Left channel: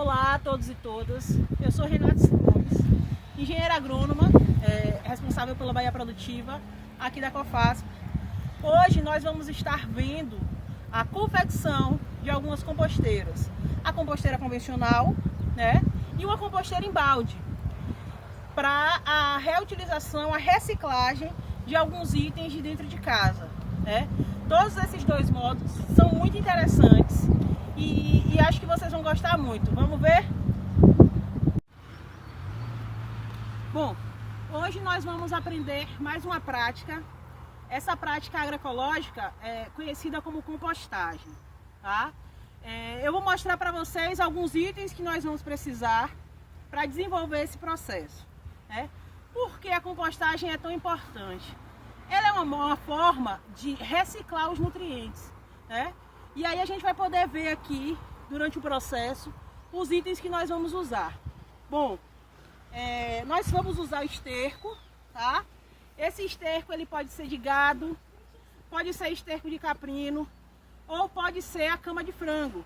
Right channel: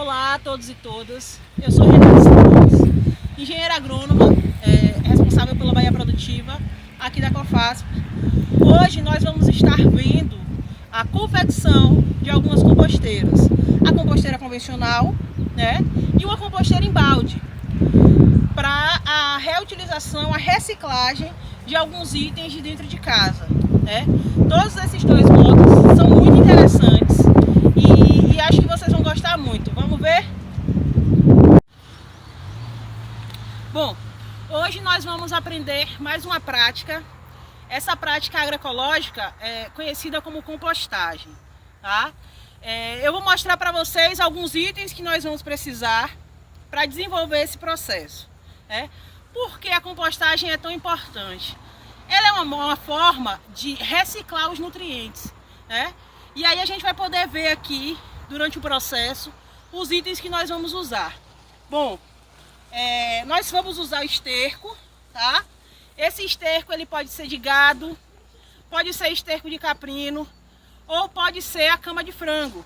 Olá a todos e todas, eu sou Renata Simões, engenheira agrônoma, responsável pela Bahia Produtiva aqui da Cofasp. Hoje nós vamos estar vendo a confecção de algumas composteiras, a composteira convencional, né, e uma composteira em balde, para a reutilização, a reciclagem de alguns itens de dentro de casa, né. Todos esses dois modos são muito interessantes e acho que vocês vão gostar muito. Vamos ver? Bom, hoje nós vamos aprender mais uma prática. Essa prática agroecológica é conhecida como compostagem, tá? Eu vou mostrar para vocês alguns itens que nós vamos precisar para desenvolver esse processo, né? Por que a compostagem é tão importante? Ela é uma forma de reciclar os nutrientes, né? E aí a gente vai poder ver aqui, durante o processo, os itens que nós vamos usar. Bom, nós vamos usar o esterco, tá? Esse esterco ele pode ser de gado, pode ser esterco de caprino ou pode ser a cama de frango.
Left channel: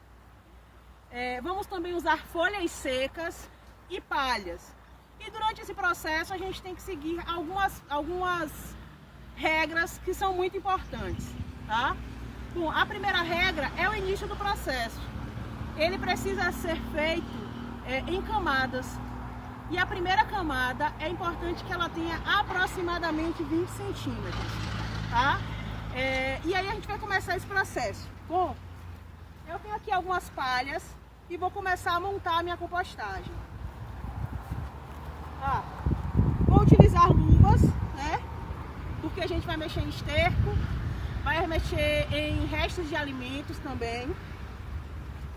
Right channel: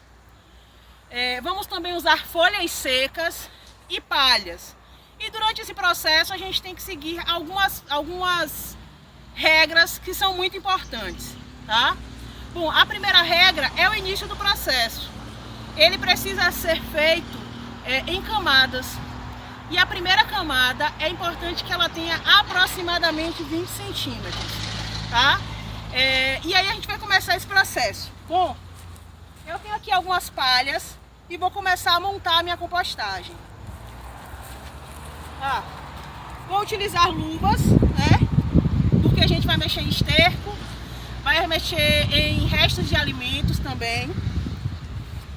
Vamos também usar folhas secas e palhas. E durante esse processo a gente tem que seguir algumas regras que são muito importantes, tá? Bom, a primeira regra é o início do processo. Ele precisa ser feito em camadas. E a primeira camada é importante que ela tenha aproximadamente 20 centímetros, tá? E aí a gente vai começar esse processo. Bom, eu tenho aqui algumas palhas e vou começar a montar a minha compostagem. Vou utilizar luvas, né? Porque a gente vai mexer em esterco, vai mexer em restos de alimentos também.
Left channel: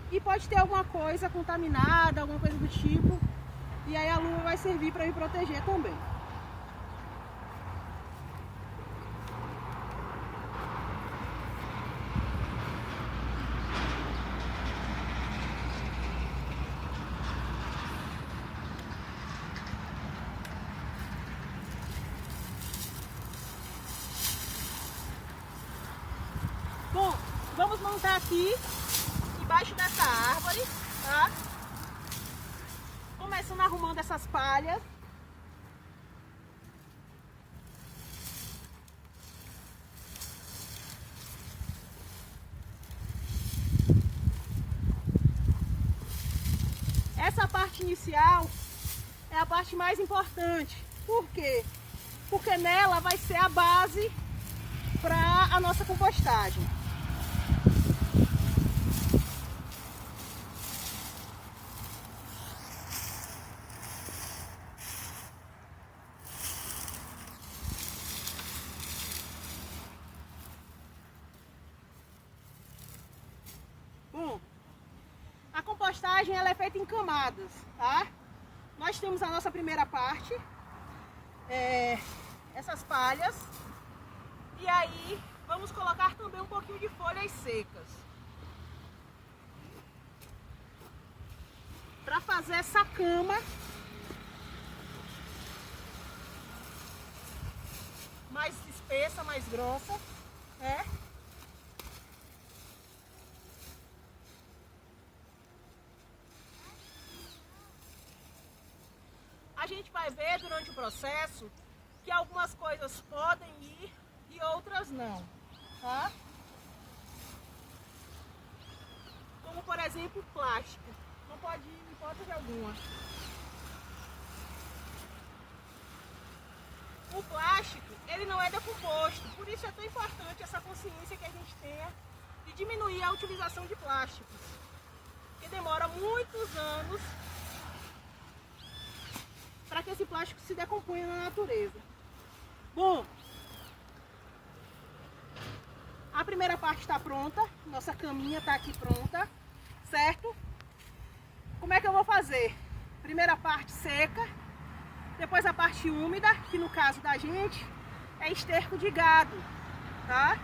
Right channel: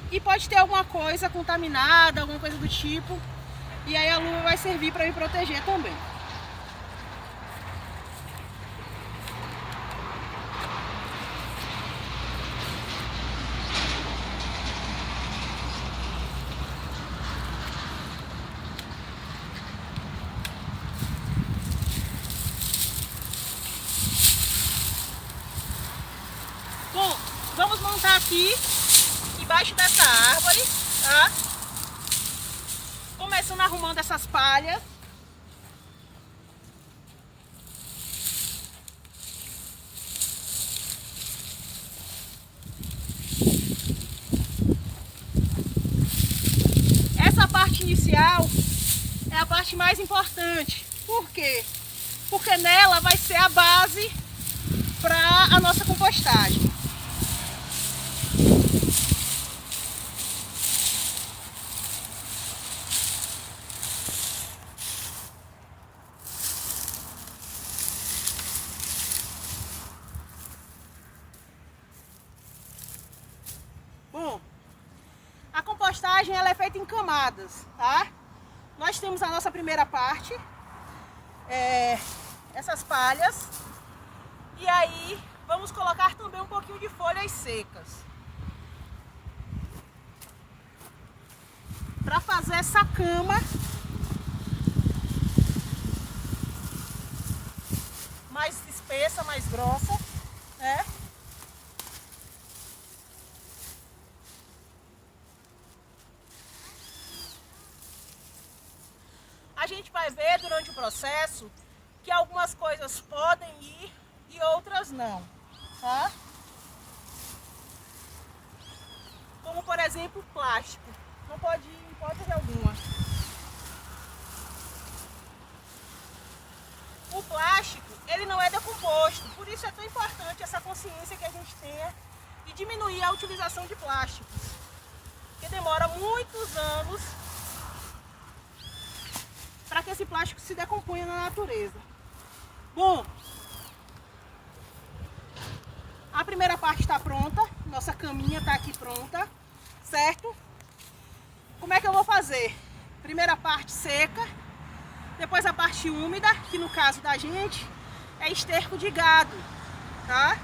E pode ter alguma coisa contaminada, alguma coisa do tipo. E aí a luva vai servir para me proteger também. Bom, vamos montar aqui embaixo dessa árvore, tá? Começando arrumando essas palhas. Essa parte inicial é a parte mais importante. Por quê? Porque nela vai ser a base para a nossa compostagem. Bom, a compostagem ela é feita em camadas, tá? Nós temos a nossa primeira parte, essas palhas, e aí vamos colocar também um pouquinho de folhas secas para fazer essa cama mais espessa, mais grossa, né? A gente vai ver durante o processo que algumas coisas podem ir e outras não, tá? Como por exemplo o plástico, não pode ir em hipótese alguma. O plástico, ele não é decomposto, por isso é tão importante essa consciência que a gente tenha de diminuir a utilização de plásticos, que demora muitos anos para que esse plástico se decomponha na natureza. Bom, a primeira parte está pronta, nossa caminha está aqui pronta, certo? Como é que eu vou fazer? Primeira parte seca, depois a parte úmida, que no caso da gente é esterco de gado, tá?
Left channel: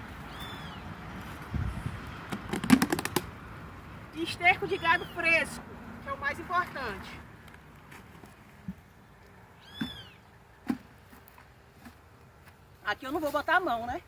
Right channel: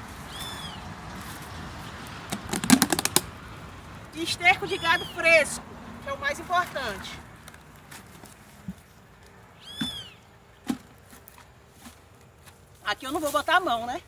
E esterco de gado fresco, que é o mais importante. Aqui eu não vou botar a mão, né?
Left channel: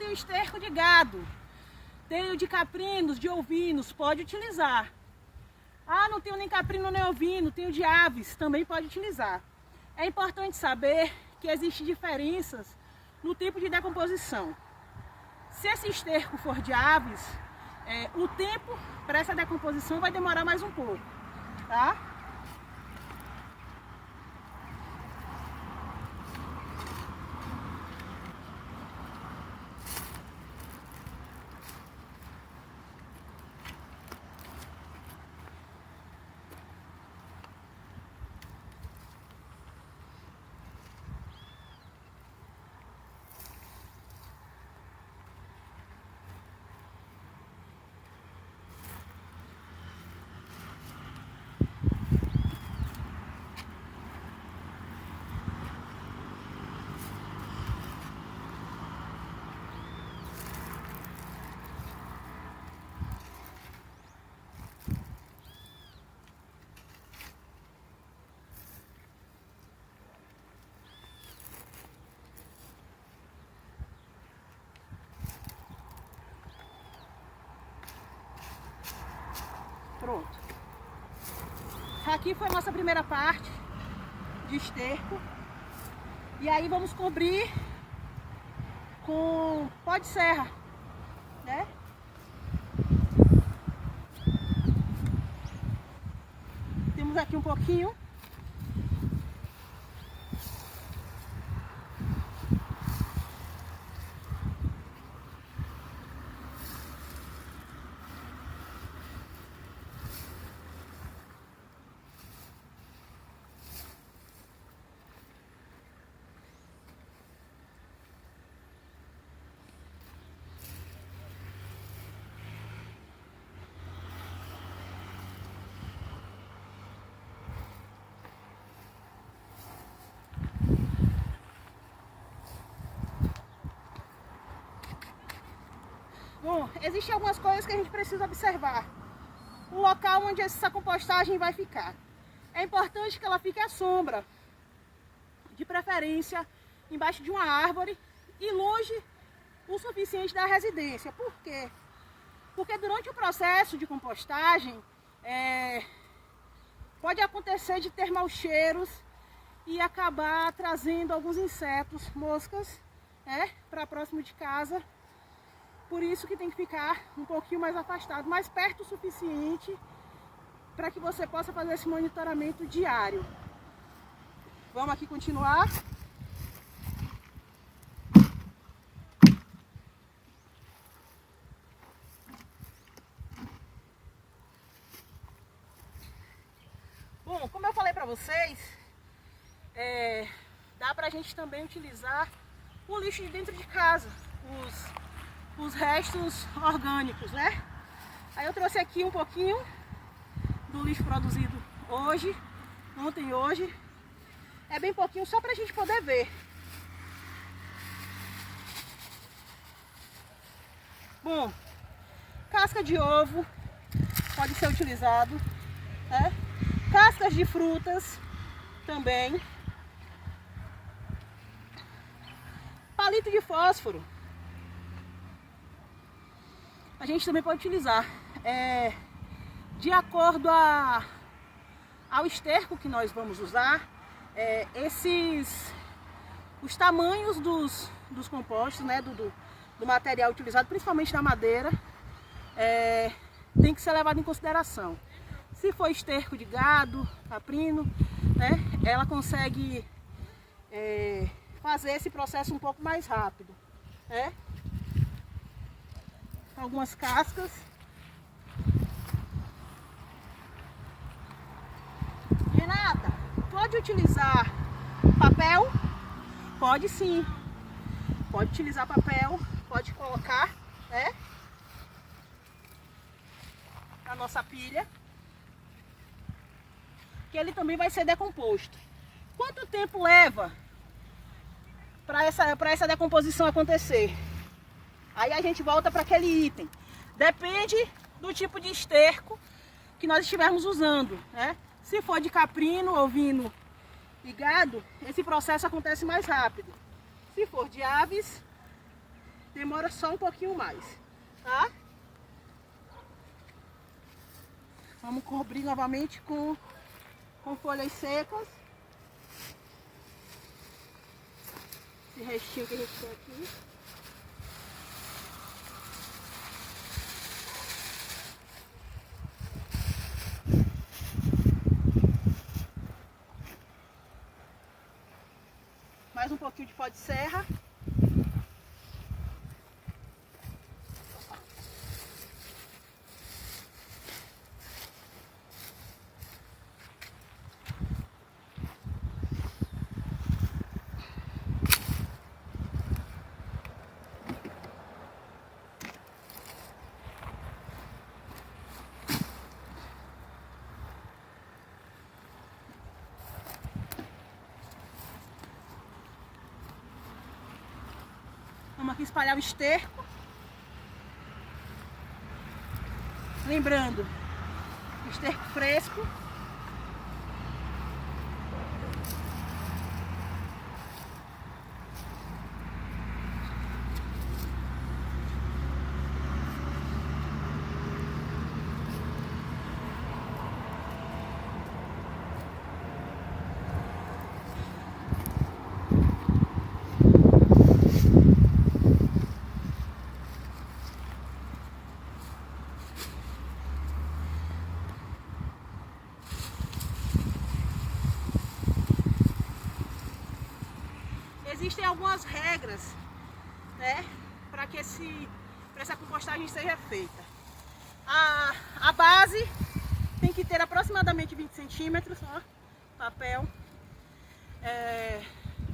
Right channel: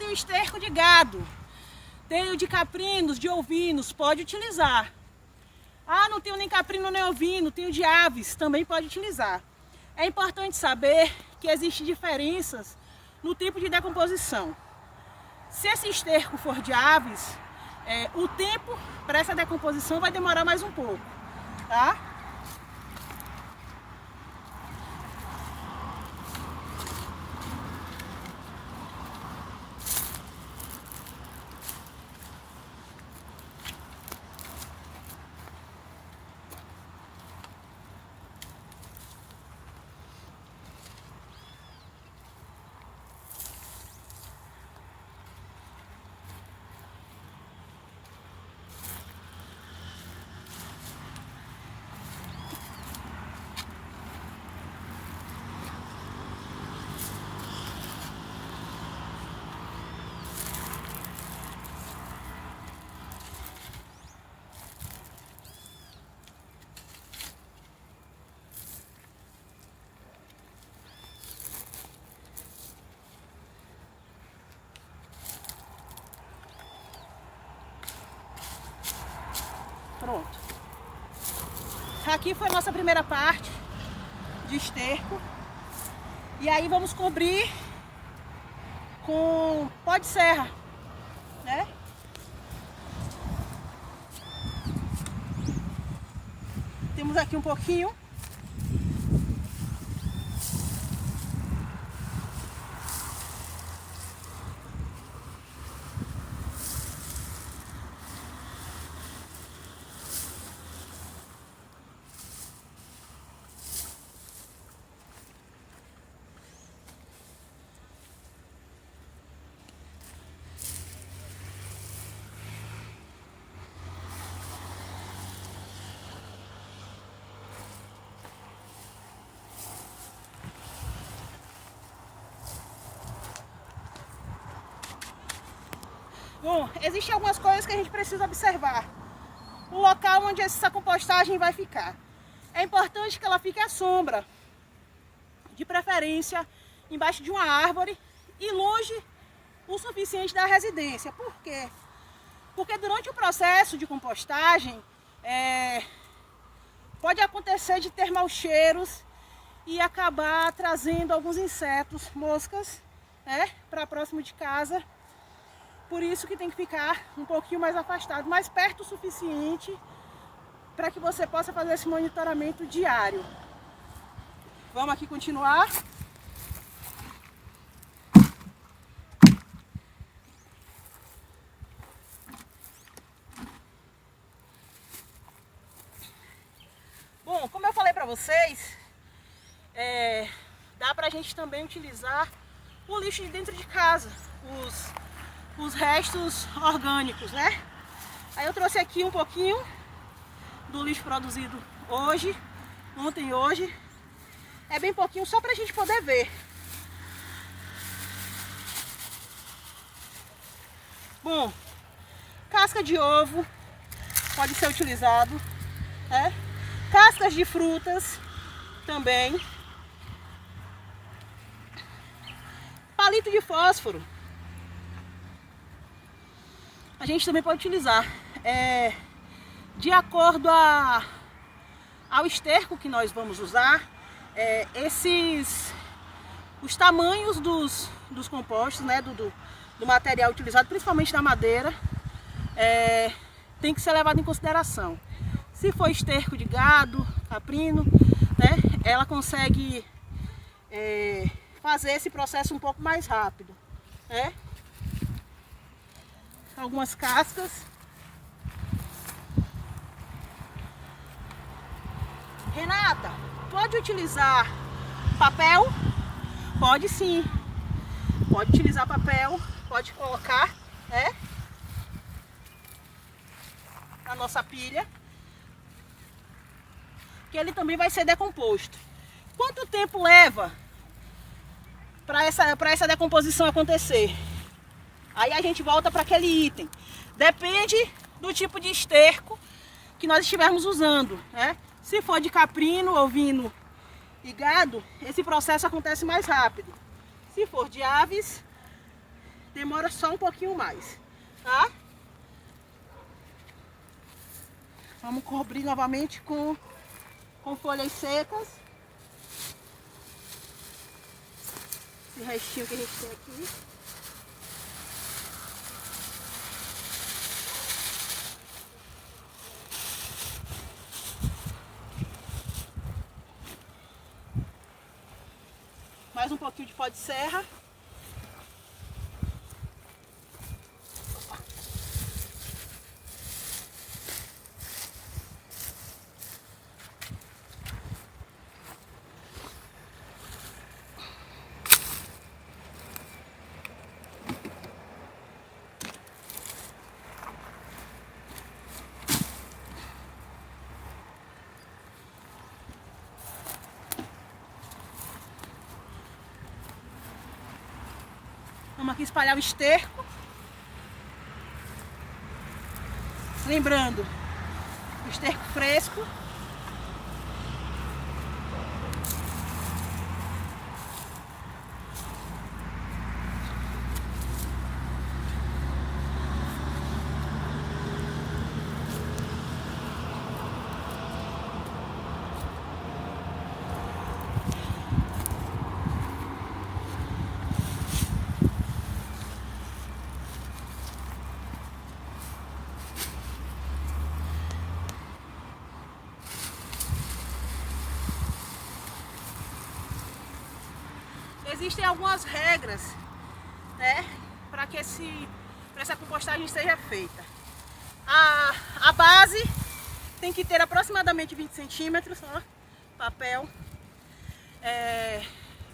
tenho esterco de gado, tenho de caprinos, de ovinos, pode utilizar. Ah, não tenho nem caprino nem ovino, tenho de aves, também pode utilizar. É importante saber que existem diferenças no tipo de decomposição. Se esse esterco for de aves, o tempo para essa decomposição vai demorar mais um pouco, tá? Pronto. Aqui foi a nossa primeira parte de esterco. E aí vamos cobrir com pó de serra, né? Temos aqui um pouquinho. Bom, existem algumas coisas que a gente precisa observar. O local onde essa compostagem vai ficar. É importante que ela fique à sombra, de preferência embaixo de uma árvore e longe o suficiente da residência. Por quê? Porque durante o processo de compostagem pode acontecer de ter maus cheiros e acabar trazendo alguns insetos, moscas, para próximo de casa. Por isso que tem que ficar um pouquinho mais afastado, mais perto o suficiente para que você possa fazer esse monitoramento diário. Vamos aqui continuar. Bom, como eu falei para vocês, dá para a gente também utilizar o lixo de dentro de casa, os restos orgânicos, né? Aí eu trouxe aqui um pouquinho do lixo produzido hoje, ontem e hoje. É bem pouquinho, só pra gente poder ver. Bom, casca de ovo pode ser utilizado, né? Cascas de frutas também. Palito de fósforo a gente também pode utilizar. De acordo ao esterco que nós vamos usar, os tamanhos dos compostos, né, do material utilizado, principalmente da madeira, tem que ser levado em consideração. Se for esterco de gado, caprino, né, ela consegue fazer esse processo um pouco mais rápido, né? Algumas cascas. Renata, pode utilizar papel? Pode sim. Pode utilizar papel, pode colocar, né, na nossa pilha, que ele também vai ser decomposto. Quanto tempo leva para essa decomposição acontecer? Aí a gente volta para aquele item. Depende do tipo de esterco que nós estivermos usando, né? Se for de caprino, ovino e gado, esse processo acontece mais rápido. Se for de aves, demora só um pouquinho mais, tá? Vamos cobrir novamente com folhas secas. Esse restinho que a gente tem aqui. Mais um pouquinho de pó de serra. Vamos aqui espalhar o esterco. Lembrando, esterco fresco. Existem algumas regras, né, para que essa compostagem seja feita. A base tem que ter aproximadamente 20 centímetros, ó, papel,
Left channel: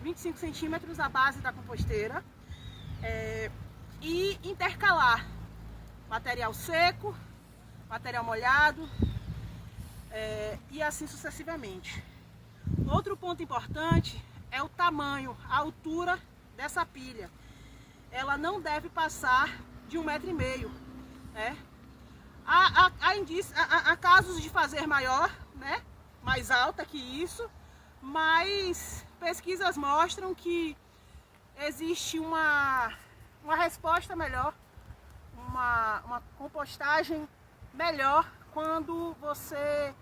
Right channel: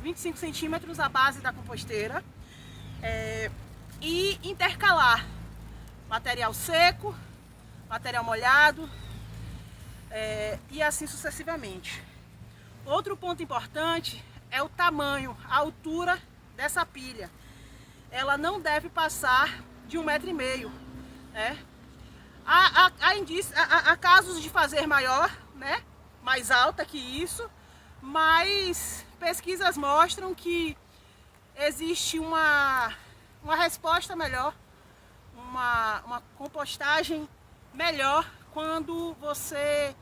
25 centímetros a base da composteira, e intercalar material seco, material molhado, e assim sucessivamente. Outro ponto importante é o tamanho, a altura dessa pilha. Ela não deve passar de 1,5 m, né? Há casos de fazer maior, né? Mais alta que isso, mas pesquisas mostram que existe uma resposta melhor, uma compostagem melhor quando você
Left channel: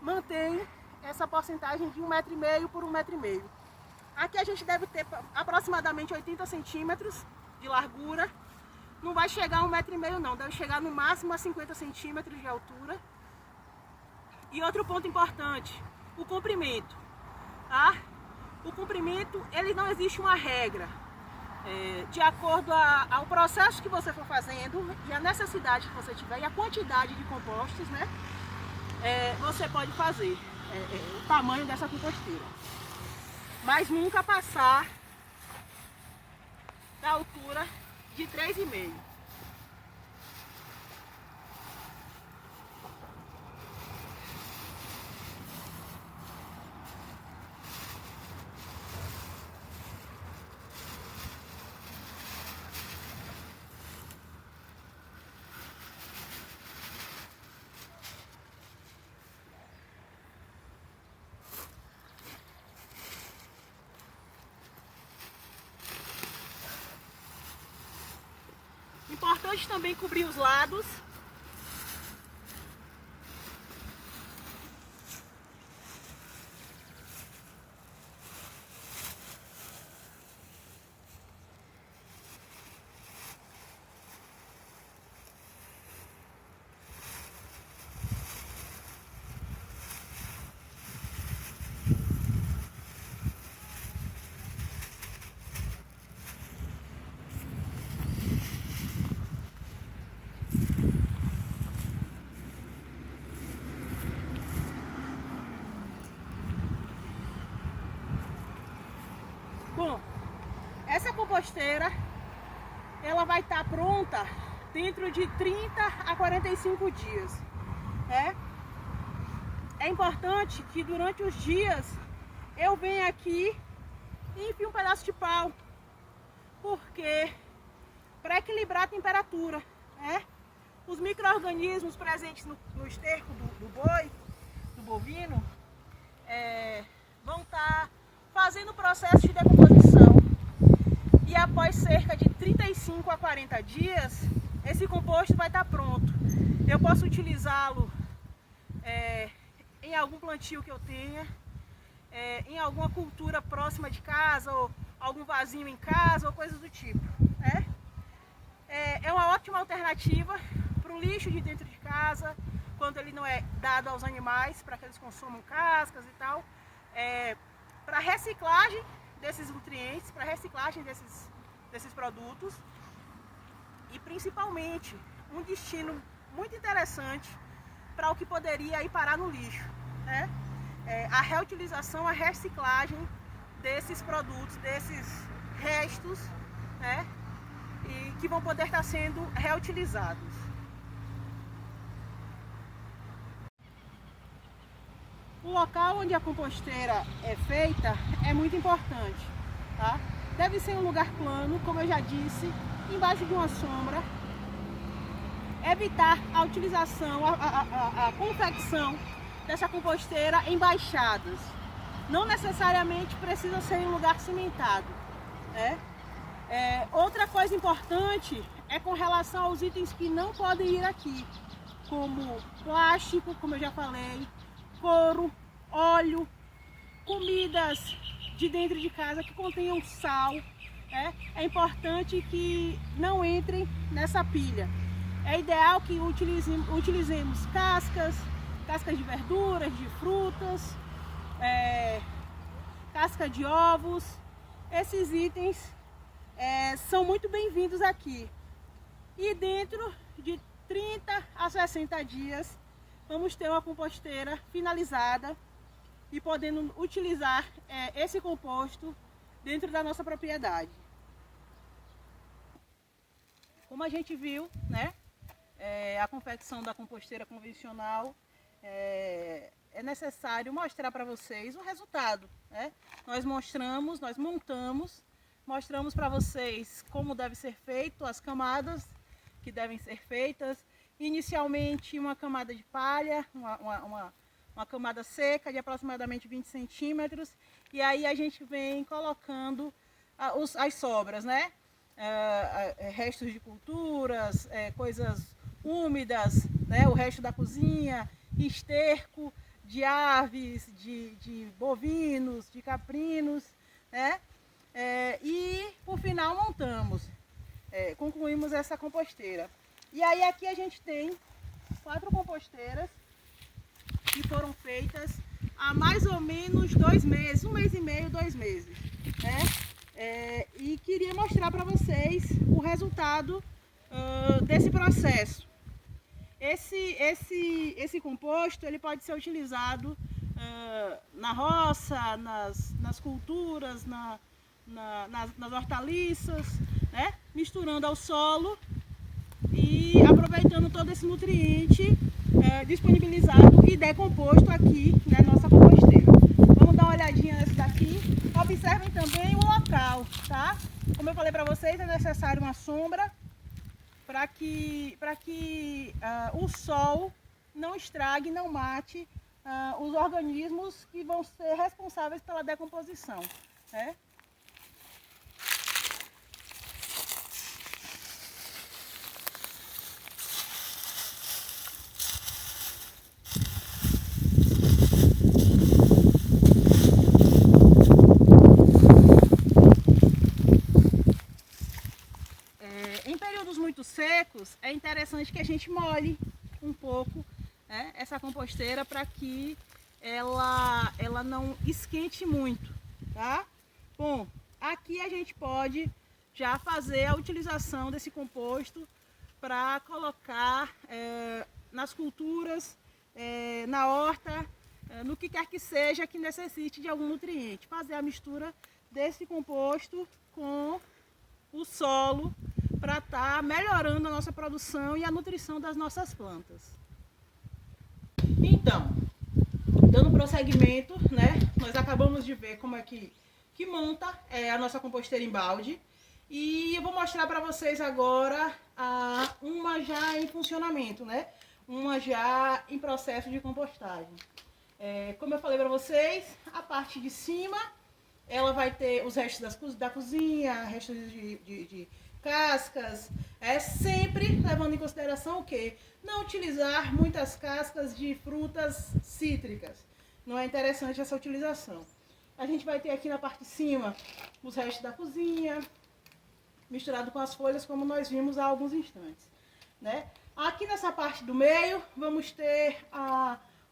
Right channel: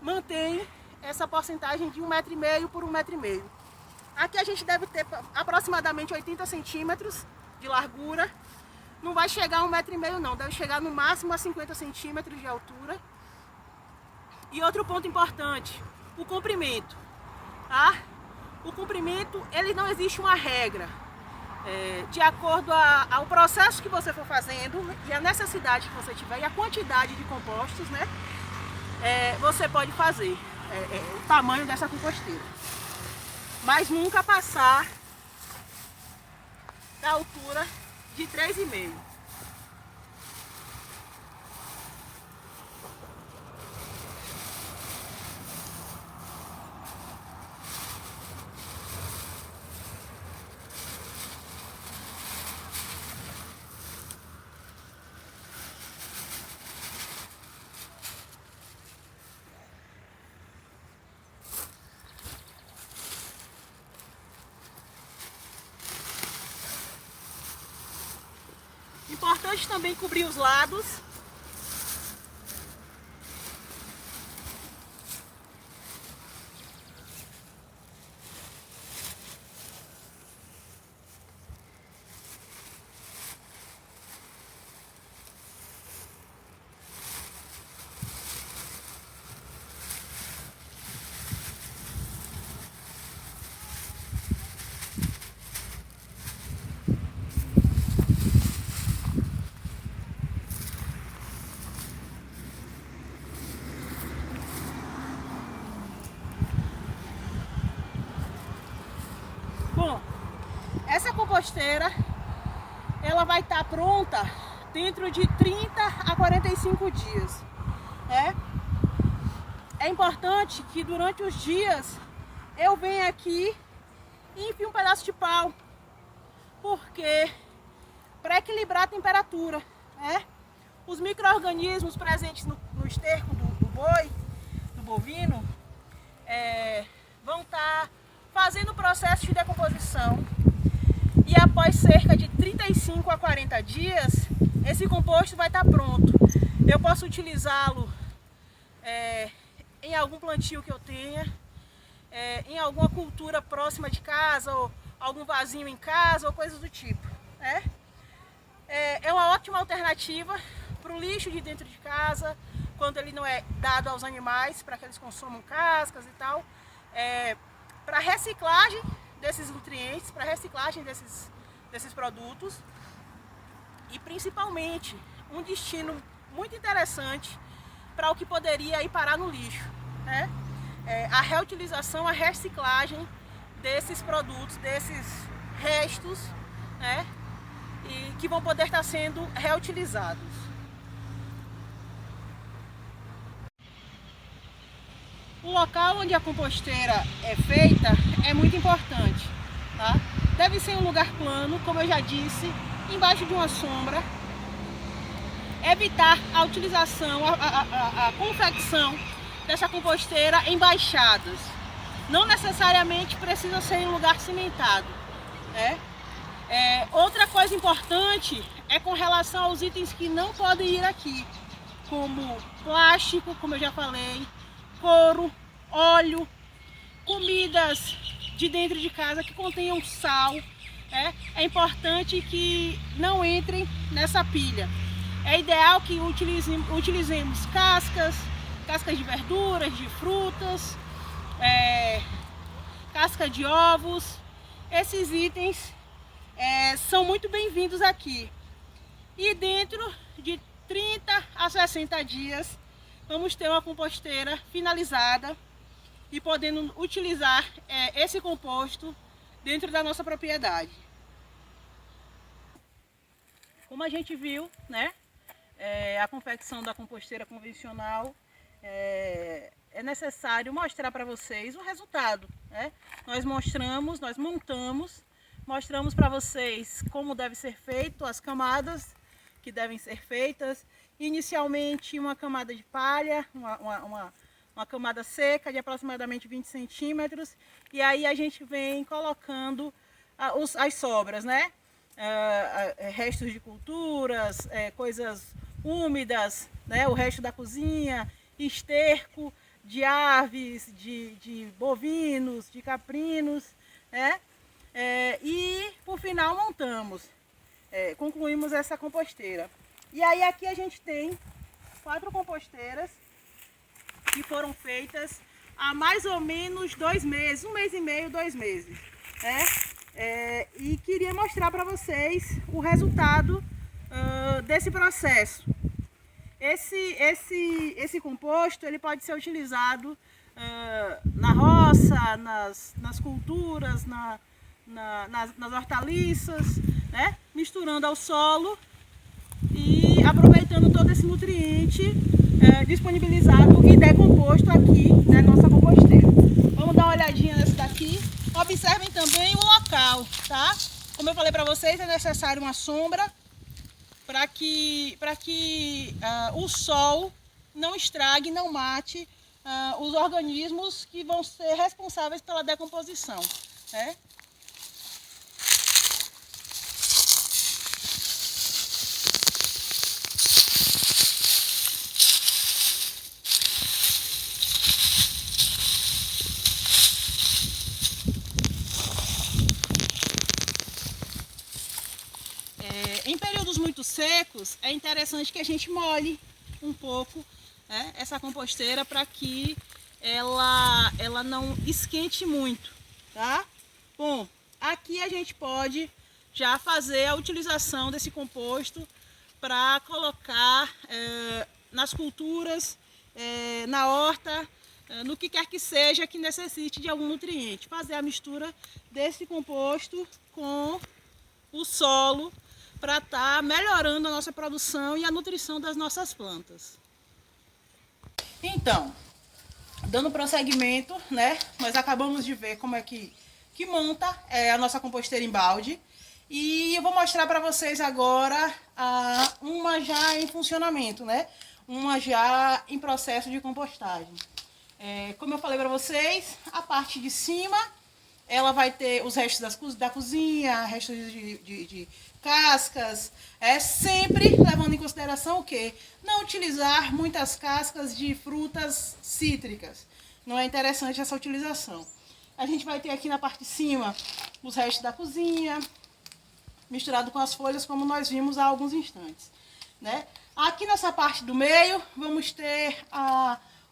mantém essa porcentagem de 1,5 m por 1,5 m. Aqui a gente deve ter aproximadamente 80 centímetros de largura. Não vai chegar a 1,5 m não, deve chegar no máximo a 50 centímetros de altura. E outro ponto importante, o comprimento, tá? O comprimento, ele não existe uma regra. De acordo ao processo que você for fazendo e a necessidade que você tiver e a quantidade de compostos, né? Você pode fazer o tamanho dessa composteira, mas nunca passar da altura de 3,5 m. Importante também cobrir os lados. Bom, essa composteira, ela vai estar pronta dentro de 30 a 45 dias, né? É importante que durante os dias eu venha aqui e enfie um pedaço de pau, porque para equilibrar a temperatura, né? Os micro-organismos presentes no esterco do boi, do bovino, vão estar fazendo o processo de decomposição, e após cerca de 35 a 40 dias, esse composto vai estar pronto. Eu posso utilizá-lo em algum plantio que eu tenha, em alguma cultura próxima de casa, ou algum vasinho em casa, ou coisas do tipo. É uma ótima alternativa para o lixo de dentro de casa, quando ele não é dado aos animais, para que eles consumam cascas e tal. Para reciclagem desses nutrientes, para reciclagem desses produtos. E principalmente um destino muito interessante para o que poderia ir parar no lixo, né? A reutilização, a reciclagem desses produtos, desses restos, né? E que vão poder estar sendo reutilizados. O local onde a composteira é feita é muito importante, tá? Deve ser um lugar plano, como eu já disse, embaixo de uma sombra. Evitar a utilização, a confecção dessa composteira em baixadas. Não necessariamente precisa ser em lugar cimentado, né? Outra coisa importante é com relação aos itens que não podem ir aqui, como plástico, como eu já falei, couro, óleo, comidas de dentro de casa que contenham sal. É importante que não entrem nessa pilha. É ideal que utilizemos cascas de verduras, de frutas, casca de ovos. Esses itens são muito bem-vindos aqui. E dentro de 30 a 60 dias, vamos ter uma composteira finalizada e podendo utilizar esse composto dentro da nossa propriedade. Como a gente viu, né, a confecção da composteira convencional, é necessário mostrar para vocês o resultado, né? Nós mostramos para vocês como deve ser feito, as camadas que devem ser feitas. Inicialmente uma camada de palha, uma camada seca de aproximadamente 20 centímetros, e aí a gente vem colocando as sobras, né? Restos de culturas, coisas úmidas, né? O resto da cozinha, esterco de aves, de bovinos, de caprinos, né? E por final concluímos essa composteira. E aí aqui a gente tem 4 composteiras que foram feitas há mais ou menos 2 meses, 1 mês e meio, 2 meses, né? E queria mostrar para vocês o resultado desse processo. Esse composto ele pode ser utilizado na roça, nas culturas, nas hortaliças, né? Misturando ao solo e aproveitando todo esse nutriente disponibilizado e decomposto aqui na nossa composteira. Vamos dar uma olhadinha nessa daqui. Observem também o local, tá? Como eu falei para vocês, é necessário uma sombra para que o sol não estrague, não mate os organismos que vão ser responsáveis pela decomposição, né? Em períodos muito secos, é interessante que a gente molhe um pouco, né, essa composteira para que ela não esquente muito, tá? Bom, aqui a gente pode já fazer a utilização desse composto para colocar nas culturas, na horta, no que quer que seja que necessite de algum nutriente. Fazer a mistura desse composto com o solo para estar melhorando a nossa produção e a nutrição das nossas plantas. Então, dando prosseguimento, né, nós acabamos de ver como é que monta a nossa composteira em balde. E eu vou mostrar para vocês agora uma já em funcionamento, né? Uma já em processo de compostagem. Como eu falei para vocês, a parte de cima ela vai ter os restos da cozinha, restos de cascas, sempre levando em consideração o quê? Não utilizar muitas cascas de frutas cítricas. Não é interessante essa utilização. A gente vai ter aqui na parte de cima os restos da cozinha, misturado com as folhas, como nós vimos há alguns instantes, né? Aqui nessa parte do meio, vamos ter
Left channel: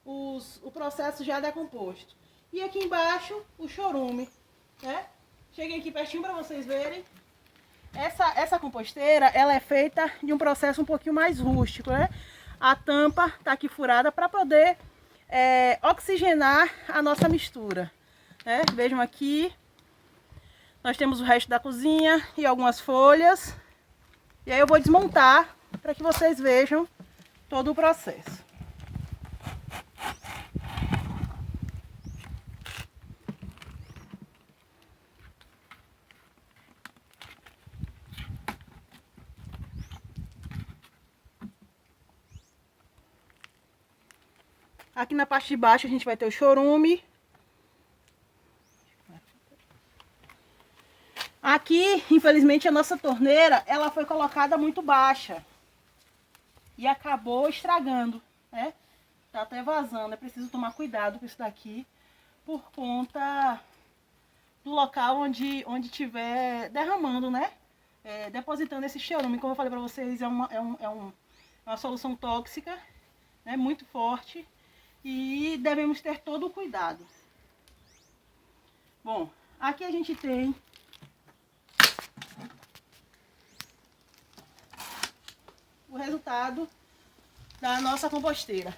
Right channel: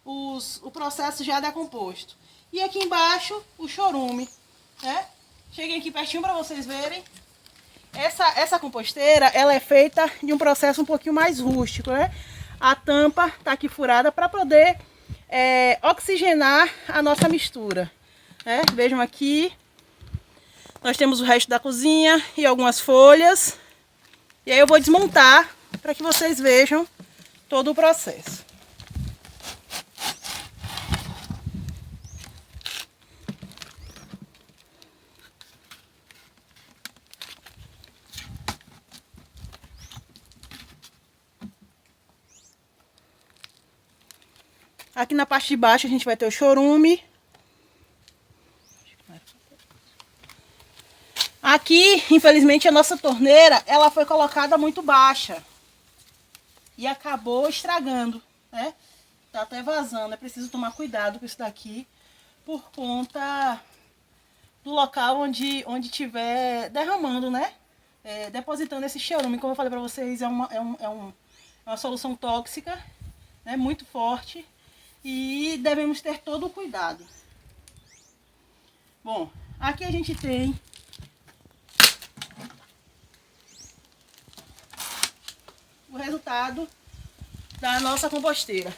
o processo já decomposto. E aqui embaixo, o chorume, né? Cheguem aqui pertinho para vocês verem. Essa composteira, ela é feita de um processo um pouquinho mais rústico, né? A tampa está aqui furada para poder oxigenar a nossa mistura, né? Vejam aqui, nós temos o resto da cozinha e algumas folhas. E aí eu vou desmontar para que vocês vejam todo o processo. Aqui na parte de baixo a gente vai ter o chorume. Aqui, infelizmente, a nossa torneira, ela foi colocada muito baixa. E acabou estragando, né? Tá até vazando. É preciso tomar cuidado com isso daqui, por conta do local onde tiver derramando, né? Depositando esse chorume. Como eu falei pra vocês, é uma solução tóxica, né? Muito forte. E devemos ter todo o cuidado. Bom, aqui a gente tem o resultado da nossa composteira.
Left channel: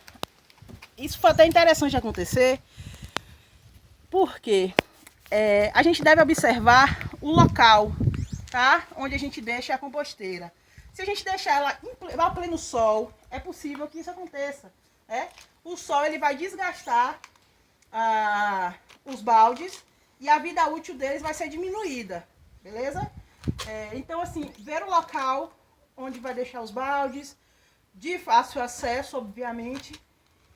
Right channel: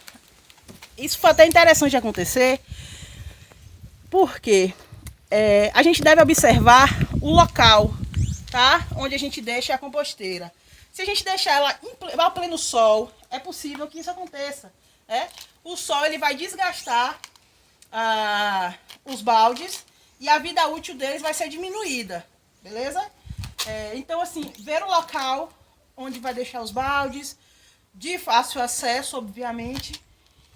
Isso foi até interessante de acontecer, porque a gente deve observar o local, tá? Onde a gente deixa a composteira. Se a gente deixar ela ao pleno sol, é possível que isso aconteça, né? O sol ele vai desgastar os baldes e a vida útil deles vai ser diminuída, beleza? Então, assim, ver o local onde vai deixar os baldes, de fácil acesso, obviamente,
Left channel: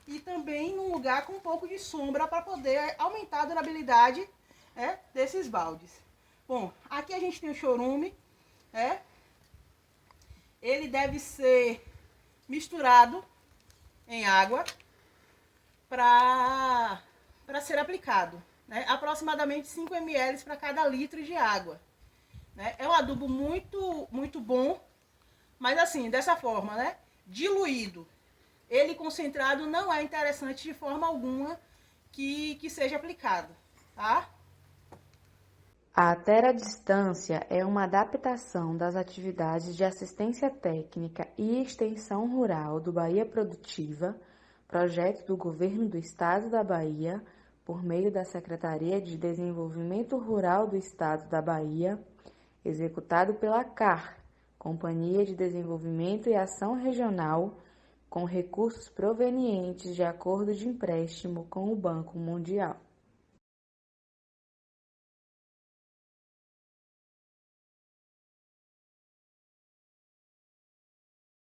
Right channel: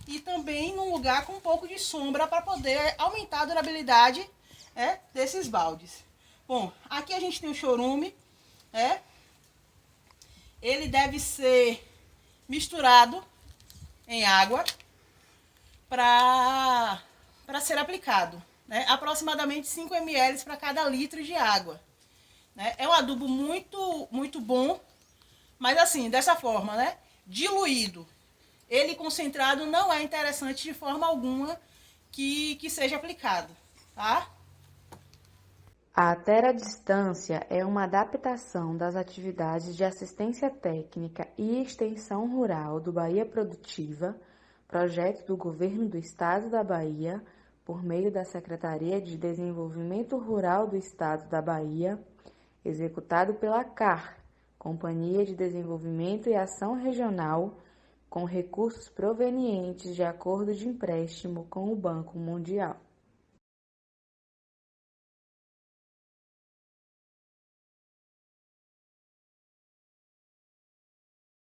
e também num lugar com um pouco de sombra para poder aumentar a durabilidade desses baldes. Bom, aqui a gente tem o chorume, ele deve ser misturado em água para ser aplicado, né? Aproximadamente 5 ml para cada litro de água, né? É um adubo muito bom, mas assim, dessa forma, né? Diluído, ele concentrado não é interessante de forma alguma que seja aplicado, tá? A Terra-distância é uma adaptação das atividades de assistência técnica e extensão rural do Bahia Produtiva, projeto do Governo do Estado da Bahia, por meio da Secretaria de Desenvolvimento Rural do Estado da Bahia, executado pela CAR, Companhia de Desenvolvimento e Ação Regional, com recursos provenientes de acordo de empréstimo com o Banco Mundial.